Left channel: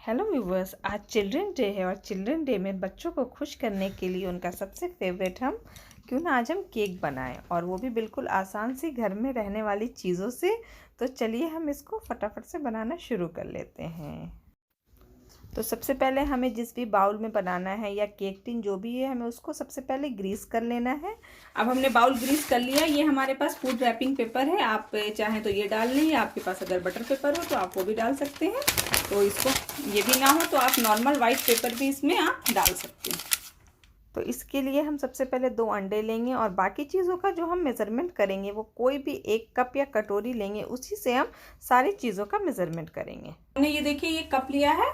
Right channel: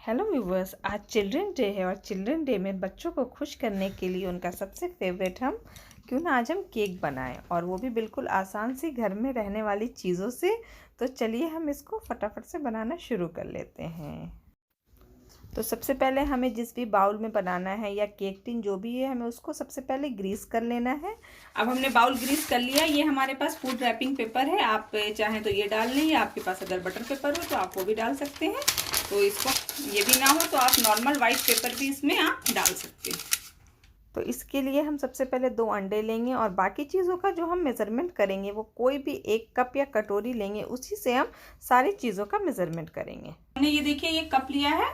Hello viewers, आज children day है और चिल्ड्रन डे में बच्चों को खुश करने के लिए उनका सबसे फेवरेट हम क्यों ना आज हम केक बनाएं, और वो भी बिल्कुल आसान सी घर में रहने वाली चीज़ों से। तो चलिए हम इसको फटाफट से बनाना शुरू कर लेते हैं। तो सबसे पहले हमें जिस भी बाउल में बनाना है या केक टिन जो भी है, हमें उसको सबसे पहले ग्रीस कर लेना है। अब हमने बाउल ग्रीस कर लिया। ये हमारे पास फूड रैपिंग पेपर है, आप चाहें तो ये डाल लें, या आपके पास अगर बटर पेपर हो तो आप वो भी डाल सकते हैं। तो इसको ये भी ना हो तो आप नॉर्मल वाइट पेपर भी इसमें आप डाल सकते हैं। तो इसके लिए हम सबसे पहले 2 अंडे लेंगे और बाकी चीज़ों का जो हम मेज़रमेंट करेंगे वो कोई भी 1 कप या कटोरी लेंगे, उसी से हम सारी चीज़ों का मेज़रमेंट करेंगे। हमने ये देखिए ये कप लिया है,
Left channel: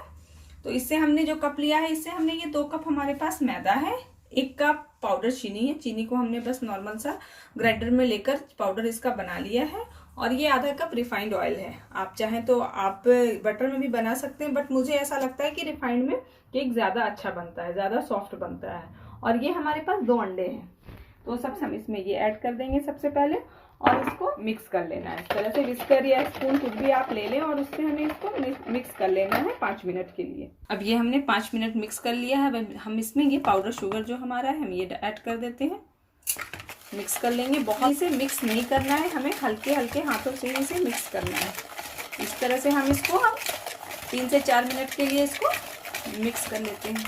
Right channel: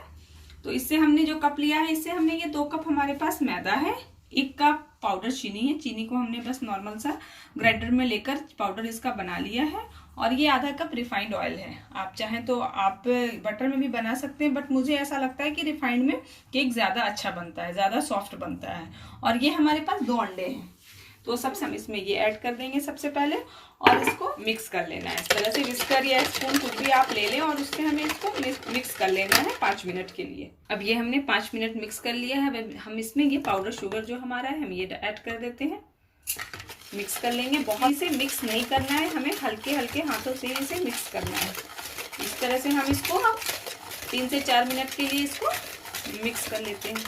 तो इससे हमने जो कप लिया है इससे हमने ये 2 कप हमारे पास मैदा है, 1 कप पाउडर चीनी है। चीनी को हमने बस नॉर्मल सा ग्राइंडर में लेकर पाउडर इसका बना लिया है। और ये आधा कप रिफाइंड ऑयल है। आप चाहें तो आप बटर में भी बना सकते हैं, बट मुझे ऐसा लगता है कि रिफाइंड में केक ज़्यादा अच्छा बनता है, ज़्यादा सॉफ्ट बनता है। और ये हमारे पास 2 अंडे हैं, तो सबसे हम इसमें ये ऐड कर देंगे सबसे पहले, और इसको मिक्स कर लेना है इस तरह से। विस्कर या स्पून कुछ भी आप ले लें और उससे हमें इसको मिक्स कर लेना है 5 मिनट के लिए। अब ये हमने 5 मिनट मिक्स कर लिया है। हम इसमें ये पाउडर शुगर जो हमारा है हम ये ऐड कर देते हैं, मिक्स कर लेंगे। बहुत से मिक्स नहीं करना है, हमें हल्के हल्के हाथों से इसे मिक्स करना है। इस तरह से हम इसको 3 से 4 मिनट के लिए इसको मिक्स कर लेते हैं।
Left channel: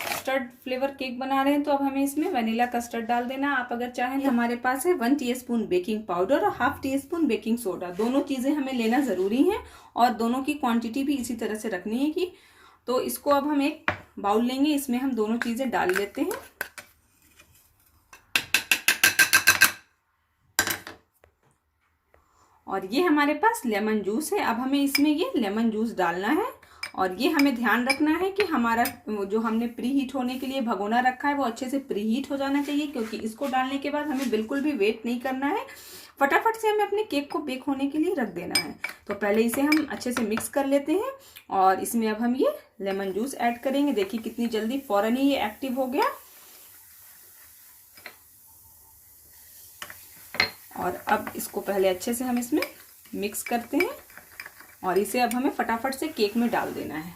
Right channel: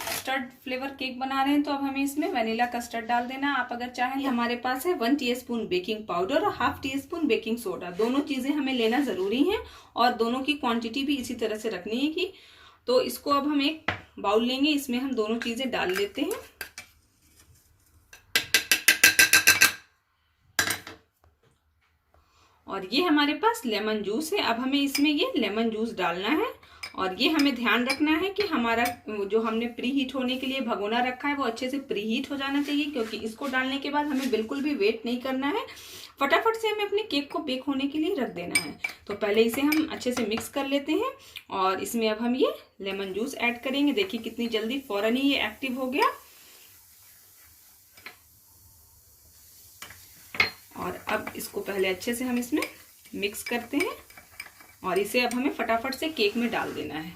कस्टर्ड फ्लेवर केक बना रहे हैं तो अब हमें इसमें वनीला कस्टर्ड डाल देना। आप अगर चाहें, हमारे पास है 1 टीस्पून बेकिंग पाउडर और 1/2 टीस्पून बेकिंग सोडा। दोनों चीजें हमें लेना जरूरी है और दोनों की क्वांटिटी भी इसी तरह से रखनी है कि। तो इसको अब हम एक बाउल लेंगे, इसमें हम दोनों चीजें डाल लेते हैं। और ये हमारे पास लेमन जूस है। अब हमें इसमें ये लेमन जूस डालना है। और ये हमें ध्यान रखना है कि हमारा जो हमने प्री हीट होने के लिए भगोना रखा है वो अच्छे से प्री हीट हो जाना चाहिए, क्योंकि इसको डालने के बाद हमें बिल्कुल भी वेट नहीं करना है। फटाफट से हमें अपने केक को बेक होने के लिए रख देना है। तो पहले इसे हम अच्छे से मिक्स कर लेते हैं और इसमें अब हम ये लेमन जूस ऐड करेंगे। देखिए कितनी जल्दी फौरन ही ये एक्टिव हो गया। और अब इसको पहले अच्छे से हम इसमें मिक्स करते हैं और इसे अब हमें फटाफट से केक में डाल देना है।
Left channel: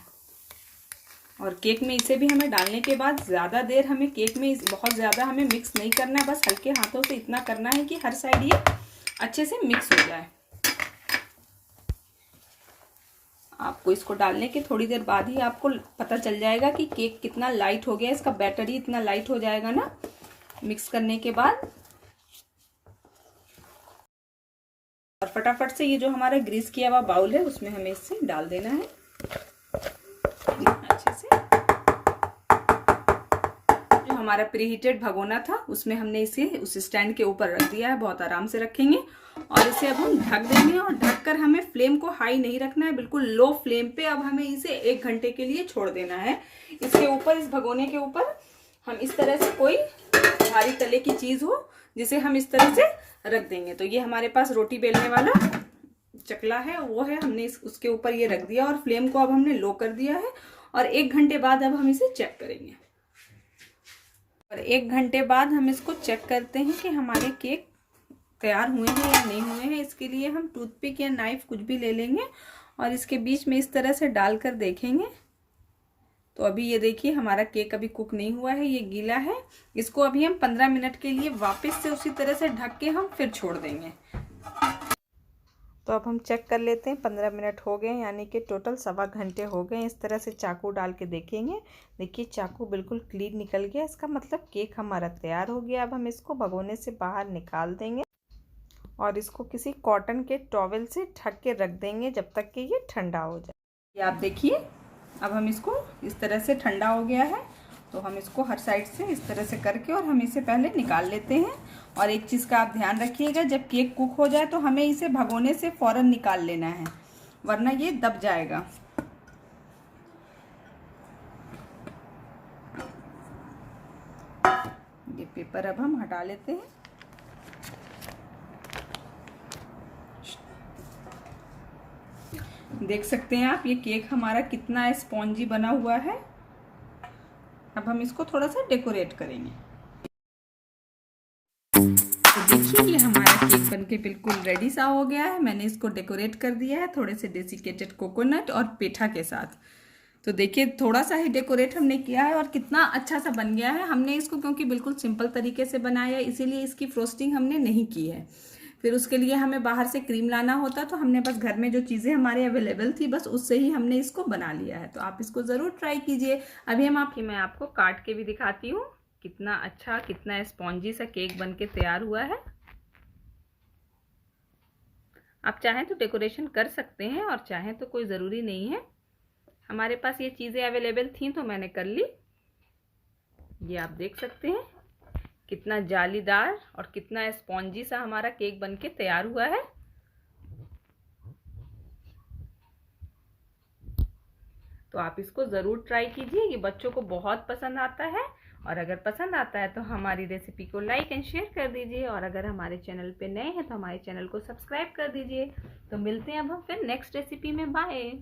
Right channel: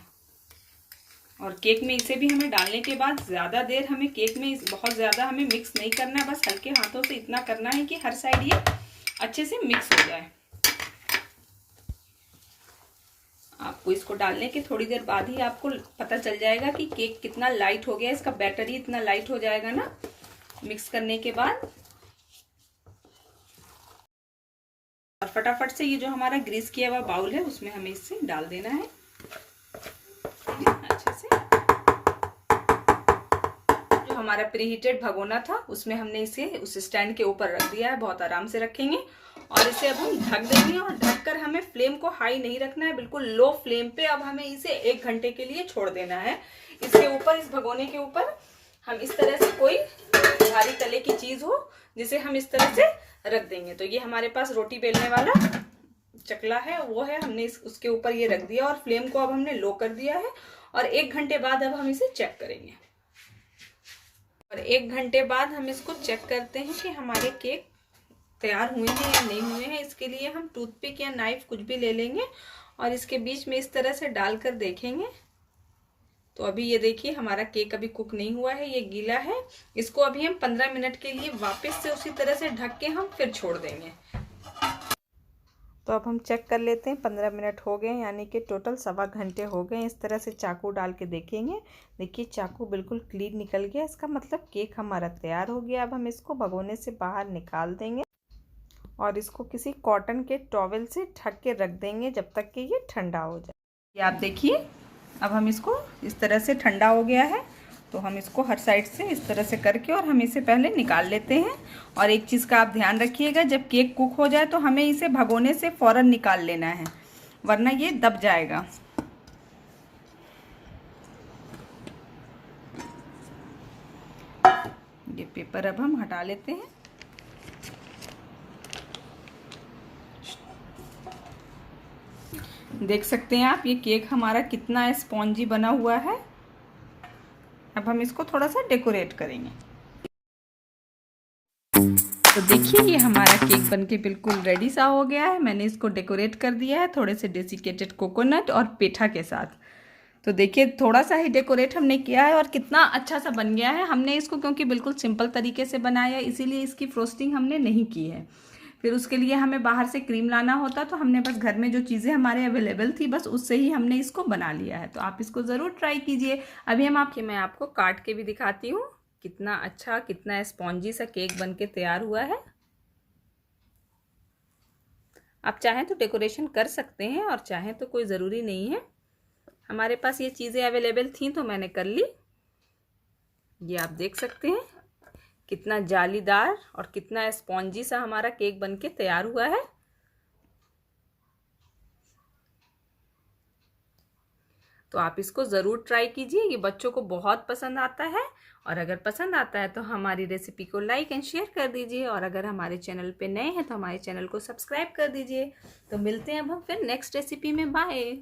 और केक में इसे भी हमें डालने के बाद ज़्यादा देर हमें केक में बहुत ज़्यादा हमें मिक्स नहीं करना है, बस हल्के हाथों से इतना करना है कि हर साइड ये अच्छे से मिक्स हो जाए। आपको इसको डालने के थोड़ी देर बाद ही आपको पता चल जाएगा कि केक कितना लाइट हो गया, इसका बैटर ही इतना लाइट हो जाएगा ना मिक्स करने के बाद। और फटाफट से ये जो हमारा ग्रीस किया हुआ बाउल है उसमें हमें इससे डाल देना है अच्छे से। जो हमारा प्रीहीटेड भगोना था उसमें हमने इसे उस स्टैंड के ऊपर रख दिया है, बहुत आराम से रखेंगे। और इसे अब हम ढक देंगे और ढककर हमें फ्लेम को हाई नहीं रखना है, बिल्कुल लो फ्लेम पे अब हमें इसे 1 घंटे के लिए छोड़ देना है। इसके ऊपर, इस भगोने के ऊपर हम इस तरह से कोई भारी तले की चीज हो जिसे हम इस तरह से रख देंगे। तो ये हमारे पास रोटी बेलने वाला चकला है, वो है, हमने उसके ऊपर ये रख दिया और फ्लेम को अब हमने लो कर दिया है। और 1 घंटे बाद अब हम इसे चेक करेंगे। और 1 घंटे बाद हम इसको चेक करते हैं कि हमारे केक तैयार हुए हैं या नहीं हुए हैं। इसके लिए हम टूथपिक या नाइफ कुछ भी ले लेंगे और इसके बीच में इस तरह से डालकर देखेंगे। तो अभी ये देखिए हमारा केक अभी कुक नहीं हुआ है, ये गीला है। इसको अभी हम 15 मिनट के लिए वापस से उसी तरह से ढक के हम फिर छोड़ देंगे। तो अब हम चेक कर लेते हैं, 15 मिनट हो गए, यानी कि टोटल 1.25 घंटे हो गए। इस तरह से चाकू डाल के देखेंगे। देखिए चाकू बिल्कुल क्लीन निकल गया, इसका मतलब केक हमारा तैयार हो गया। अब हम इसको भगोने से बाहर निकाल देंगे और इसको किसी कॉटन के टॉवेल से ढक के रख देंगे जब तक कि ये ठंडा हो जाए। ये आप देखिए अब हम इसको इस तरह से, ठंडा हो गया है तो हम इसको हर साइड से इस तरह से करके और हम इसे पहले निकाल लेते हैं। और एक चीज़ का आप ध्यान रखिएगा, जब केक कुक हो जाए तो हमें इसे भगोने से फौरन निकाल लेना है, वरना ये दब जाएगा। ये पेपर अब हम हटा लेते हैं। देख सकते हैं आप ये केक हमारा कितना स्पॉन्जी बना हुआ है। अब हम इसको थोड़ा सा डेकोरेट करेंगे। तो देखिए ये हमारा केक बनके बिल्कुल रेडी सा हो गया है। मैंने इसको डेकोरेट कर दिया है थोड़े से डेसिकेटेड कोकोनट और पेठा के साथ। तो देखिए थोड़ा सा ही डेकोरेट हमने किया है और कितना अच्छा सा बन गया है। हमने इसको क्योंकि बिल्कुल सिंपल तरीके से बनाया है इसीलिए इसकी फ्रोस्टिंग हमने नहीं की है। फिर उसके लिए हमें बाहर से क्रीम लाना होता, तो हमने बस घर में जो चीज़ें हमारे अवेलेबल थी बस उससे ही हमने इसको बना लिया है। तो आप इसको ज़रूर ट्राई कीजिए। अभी मैं आपको काट के भी दिखाती हूँ कितना अच्छा, कितना स्पॉन्जी सा केक बन के तैयार हुआ है। आप चाहें तो डेकोरेशन कर सकते हैं और चाहें तो कोई ज़रूरी नहीं है। हमारे पास ये चीज़ें अवेलेबल थी तो मैंने कर ली। ये आप देख सकते हैं कितना जालीदार और कितना स्पॉन्जी सा हमारा केक बनके तैयार हुआ है। तो आप इसको ज़रूर ट्राई कीजिए, ये बच्चों को बहुत पसंद आता है। और अगर पसंद आता है तो हमारी रेसिपी को लाइक एंड शेयर कर दीजिए, और अगर हमारे चैनल पे नए हैं तो हमारे चैनल को सब्सक्राइब कर दीजिए। तो मिलते हैं अब हम फिर नेक्स्ट रेसिपी में। बाय।